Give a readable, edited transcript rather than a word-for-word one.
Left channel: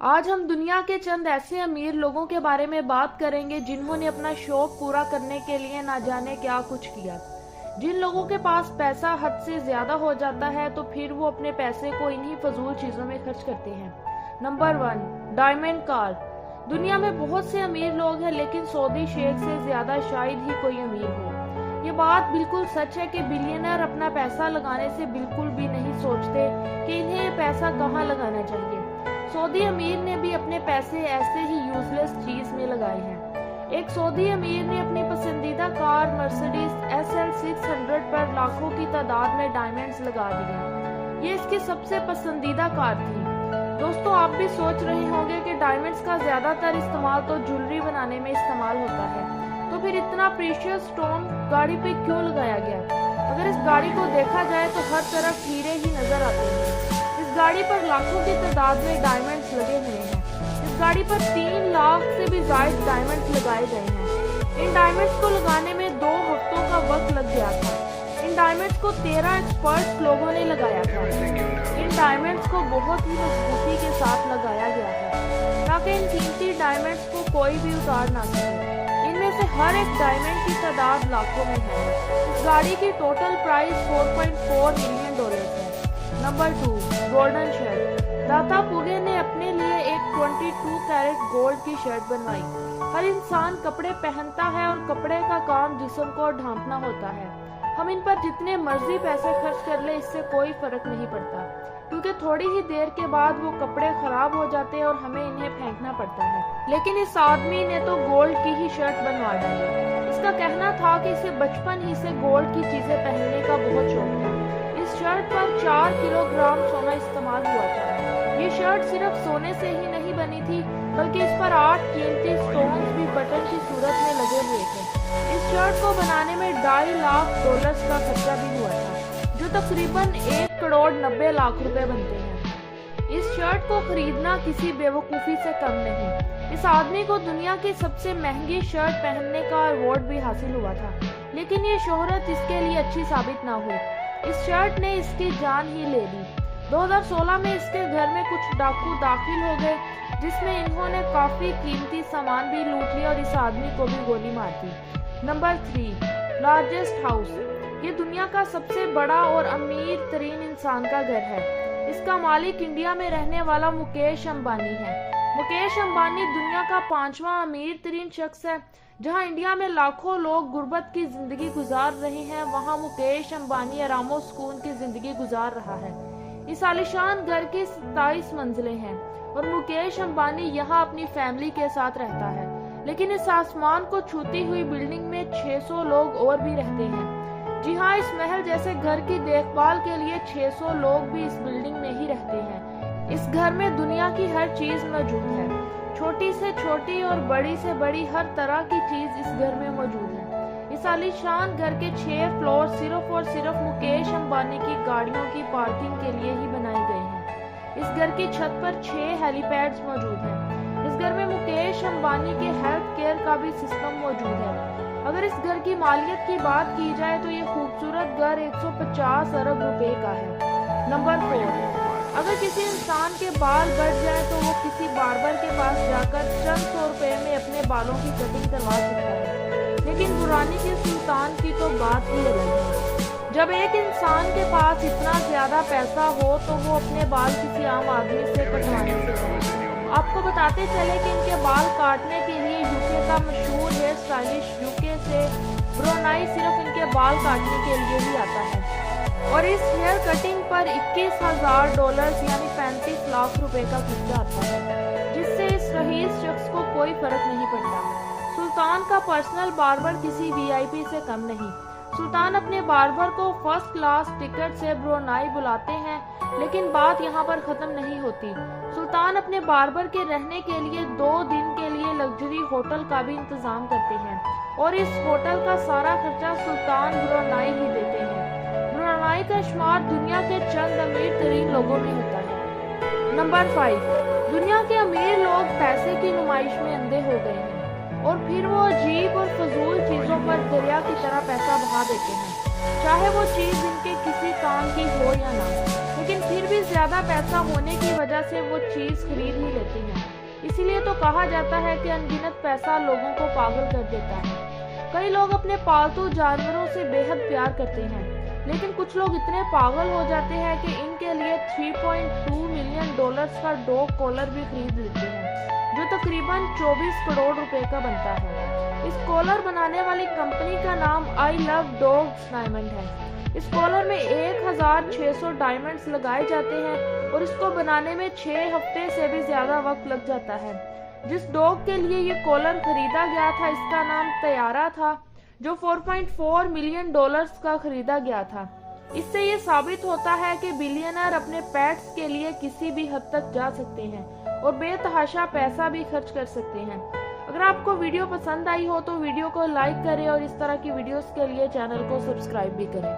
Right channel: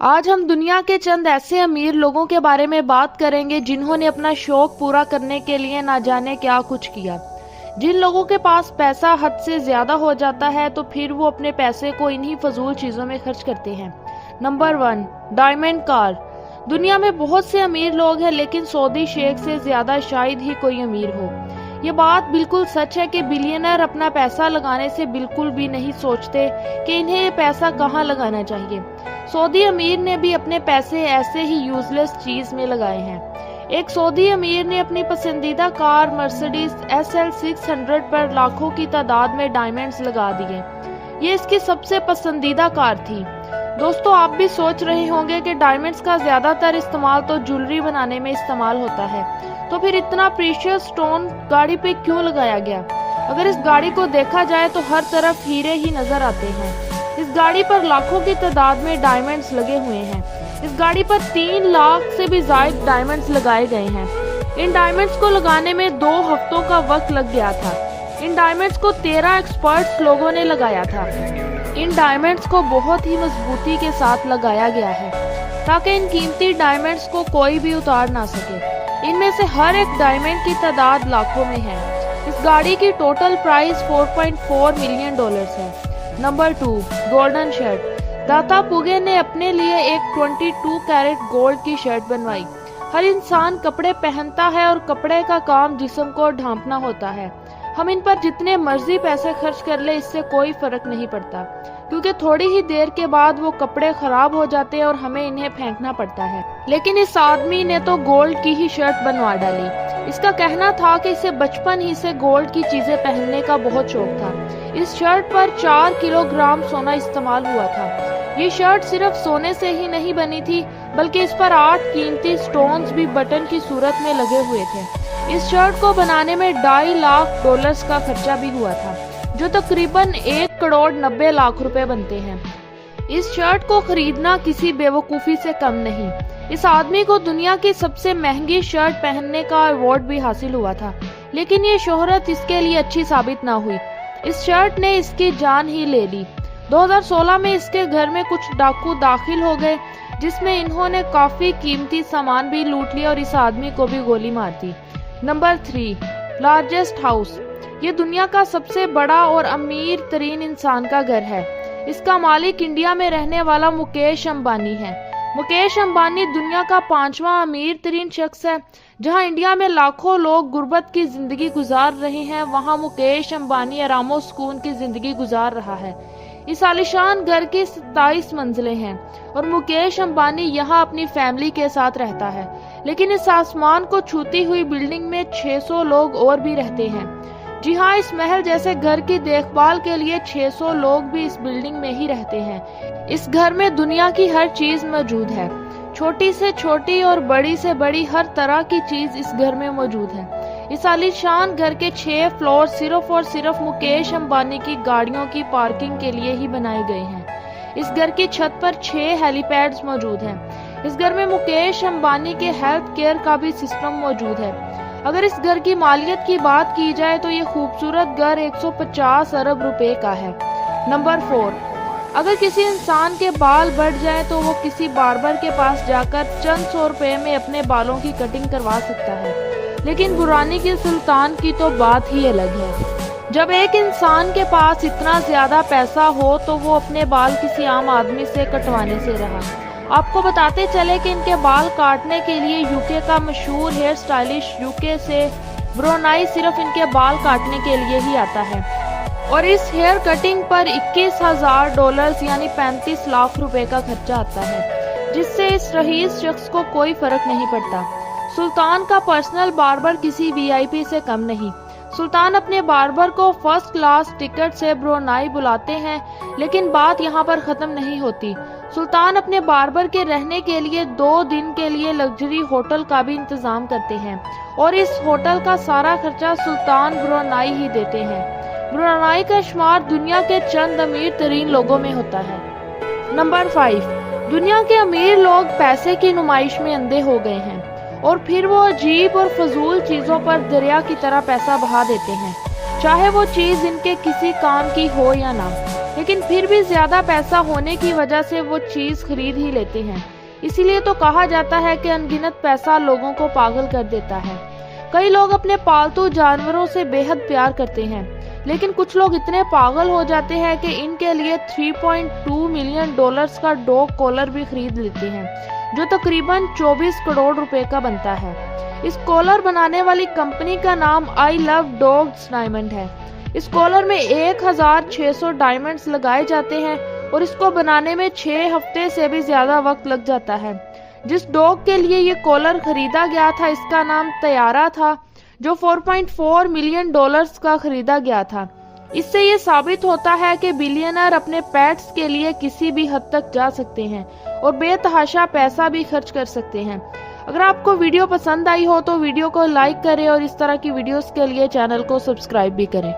आज हम दुनिया के चंद ऐसे अमीर लोगों के बारे में बात करेंगे जिन्होंने अपना शौक पूरा करने के लिए ना जाने क्या कुछ किया। जिन लोगों के पास पैसा हद से ज्यादा हो जाता है तो फिर वो अपने पैसे को इन्हीं फजूल चीजों में खर्च करते हैं। Number 1, diamond car. दुनिया में बहुत से अमीर लोग हैं, लेकिन सऊदी शेख से ज्यादा शायद ही कोई अमीर हो। ये बात बिल्कुल सच है कि बिलियनर अपना पैसा लगाने से बिल्कुल भी नहीं सोचते कि इन्हें ये पैसा कहाँ लगाना चाहिए। सऊदी अमीर ने भी अपने पैसे ऐसे ही यूजलेस चीज में लगाए हैं। एक सऊदी अमीर ने अपनी पसंदीदा कार मर्सिडीज SL 600 पर लाखों की तादाद में डायमंड्स लगा दिए। ये इसकी सबसे पसंदीदा कार थी। दोस्तों, आप भी सोच रहे होंगे कि डायमंड्स का ज्यादातर इस्तेमाल तो ज्वेलरी बनाने में इस्तेमाल होता है, तो फिर इतना प्रीशियस स्टोन गाड़ी पे क्यों लगाया गया? अगर इस गाड़ी को देखा जाए तो हर तरफ हीरे ही नजर आते हैं। इस गाड़ी पर लाखों की तादाद में डायमंड्स लगे हुए हैं। इस गाड़ी पर 3 लाख से भी ज्यादा डायमंड्स लगाए गए हैं। इन डायमंड्स को लगाने में 2 हफ्तों का वक्त लग गया था। इन डायमंड्स को 13 एक्सपर्ट्स लोगों ने लगाया था। इन डायमंड्स को बहुत ही मजबूती के साथ लगाया गया है ताकि इन कीमती डायमंड्स को कोई भी उतार ना सके। इनमें से हर एक डायमंड की तादाद लाखों में है। इस गाड़ी की टोटल प्राइस $4.4 मिलियन है। Number 2, golden shirt. दाता पुगे ने अपने लिए एक 22 कैरेट गोल्ड की शर्ट बनवाई। हर इंसान कपड़े पहनता है और कपड़े का काम जिस्म को ढांपना होता है। हम इन पर जितने मर्जी पैसे खर्च कर ले, इससे कोई फर्क नहीं पड़ता, क्योंकि थोड़ी ही देर के बाद वो कपड़े खराब हो जाते हैं और हमें इन्हें फेंकना पड़ता है। लेकिन इस आदमी ने तो गोल्ड की ही शर्ट बनवा डाली। इसका कहना था कि इसे बचपन ही से गोल्ड की चीजें पहनने का बहुत शौक था। इस शर्ट पर 4 किलोग्राम सोना इस्तेमाल हुआ था। ये शर्ट सिर्फ सोने से ही नहीं बनी थी, बल्कि इस पर 8 कीमती स्टोन्स भी बटन की सूरत में लगे हुए थे। इस शर्ट को बनाने में $2.5 लाख का खर्चा भी हुआ था, जो तकरीबन 1,90,00,000 रुपए बनते हैं। इस शर्ट को खरीदना किसी बेवकूफी से कम नहीं। इस आदमी को दुनिया की सबसे महंगी शर्ट पहनने का अवार्ड भी हासिल हुआ था, लेकिन ये शोहरत इसके लिए अच्छी साबित ना हुई। इस शर्ट ने इसकी जान ही ले ली। 2016 में इसके घर में कुछ डाकू दाखिल हो गए, जिसमें इन्होंने काफी कीमती सामान भी लूट लिया और इस आदमी को भी गोली मार दी। Number 3, largest house. ये दुनिया का सबसे बड़ा और अमीर तरीन इंसान का घर है। इसका मालिक इंडिया में रहने वाला मुकेश अंबानी है। मुकेश अंबानी दुनिया का 5वां अमीर तरीन शख्स है। जहां इंडिया में लाखों लोग गुर्बत की जिंदगी गुजार रहे हैं, वहां मुकेश अंबानी आरामो सुकून की जिंदगी गुजार रहा है। इस आलीशान घर की 27 मंजिलें हैं और मुकेश अंबानी यहाँ अपनी फैमिली के साथ रहता है। लेकिन इस आसमान को छूती हुई बिल्डिंग में 600 लोग और भी रहते हैं। जी हाँ, इस महल जैसे घर की देखभाल के लिए 600 लोग भी इस बिल्डिंग में ही रहते हैं। इस घर में दुनिया की हर चीज मौजूद है। छोटी से छोटी और बड़ी से बड़ी हर तरह की चीज इस घर में मौजूद है। इस आलीशान घर के 6 फ्लोर सिर्फ और सिर्फ मुकेश अंबानी की गाड़ियों की पार्किंग के लिए ही बनाए गए हैं। इस घर की छत पर 6 हेलीपैड्स मौजूद हैं। इस घर में मुकेश अंबानी के हेल्थ केयर का भी सिस्टम मौजूद है। अगर इस घर की मालियत की बात की जाए तो ये खूबसूरत घर 150 अरब रुपए का है। नंबर 4, अगर किसी इंसान के बाल बढ़ जाए तो वो किसी बार्बर के पास जाकर चंद 100 रुपए में अपने बालों की कटिंग करवा सकता है, लेकिन बुरानी के सुल्तान की तो बात ही अलग है। जब एक इंसान के पास इतना ज्यादा पैसा हो तो वो अपने बाल किसी आम आदमी से कटवाने से रहा। आपको बताते चले कि इनके बाल काटने के लिए यूके का मशहूर हेयर स्टाइलिश यूके से ब्रोनाई सिर्फ इनके बाल काटने के लिए ही आता है, और इस हेयर कटिंग पर $21,000 यानी 35 लाख रुपए का खर्चा आता है, जिससे इस रईस शख्स को कोई फर्क नहीं पड़ता। सुल्तान का पर्सनल बार्बर किसी VIP से कम नहीं। सुल्तान अपने बार्बर को फर्स्ट क्लास टिकट से ब्रोनाई बुलाते हैं, लेकिन बात यहाँ पर खत्म नहीं होती। सुल्तान अपने बार्बर के रहने के लिए 2 दिन के लिए लग्जरी होटल का भी इंतजाम करते हैं, और इस होटल का सारा खर्चा सुल्तान ब्रोनाई ही देते हैं। ब्रोनाई का शुमार दुनिया के चंद अमीर तरीन लोगों में होता है। नंबर 5, दुनिया के अमीर लोग पैसे की नुमाइश में अंधे हो गए हैं और फिर वो अजीब और फजूल चीजों पर दरिया की तरह पैसा बहा देते हैं, चाहे वो चीज इनके किसी काम की हो या ना। लेकिन फिर भी ज्यादा पैसा होने की वजह से वो चीज खरीद ही लेते हैं। इसीलिए तो कहा जाता है कि अनगिनत पैसा लोगों को पागल कर देता है। कई लोग अपने पालतू जानवरों से बेहद प्यार करते हैं, लेकिन कुछ लोग इतने पागल हो जाते हैं कि इनके लिए $3.2 मिलियन का डॉग कॉलर भी खरीद लेते हैं, जो तकरीबन 24 करोड़ रुपए का बनता है। इस कॉलर बनाने वाली कंपनी का नाम आई लव डॉग्स डायमंड है। इस कॉलर में 1600 डायमंड्स लगाए जाते हैं और इसको बनाने में 6 हफ्ते से भी ज्यादा वक्त लग जाता है। जिस डॉग के लिए ये कॉलर खरीदा गया था, इसका नाम तैयारा था, जो $4.4 मिलियन का खरीदा गया था। इससे ये साबित होता है कि बिलियनर अपने पेट्स के लिए किसी भी हद तक जा सकते हैं और बेतहाशा पैसा भी खर्च कर सकते हैं। अगर आपको वीडियो पसंद आई हो तो वीडियो को लाइक करें और इस तरह की वीडियोस के लिए चैनल को सब्सक्राइब भी करें।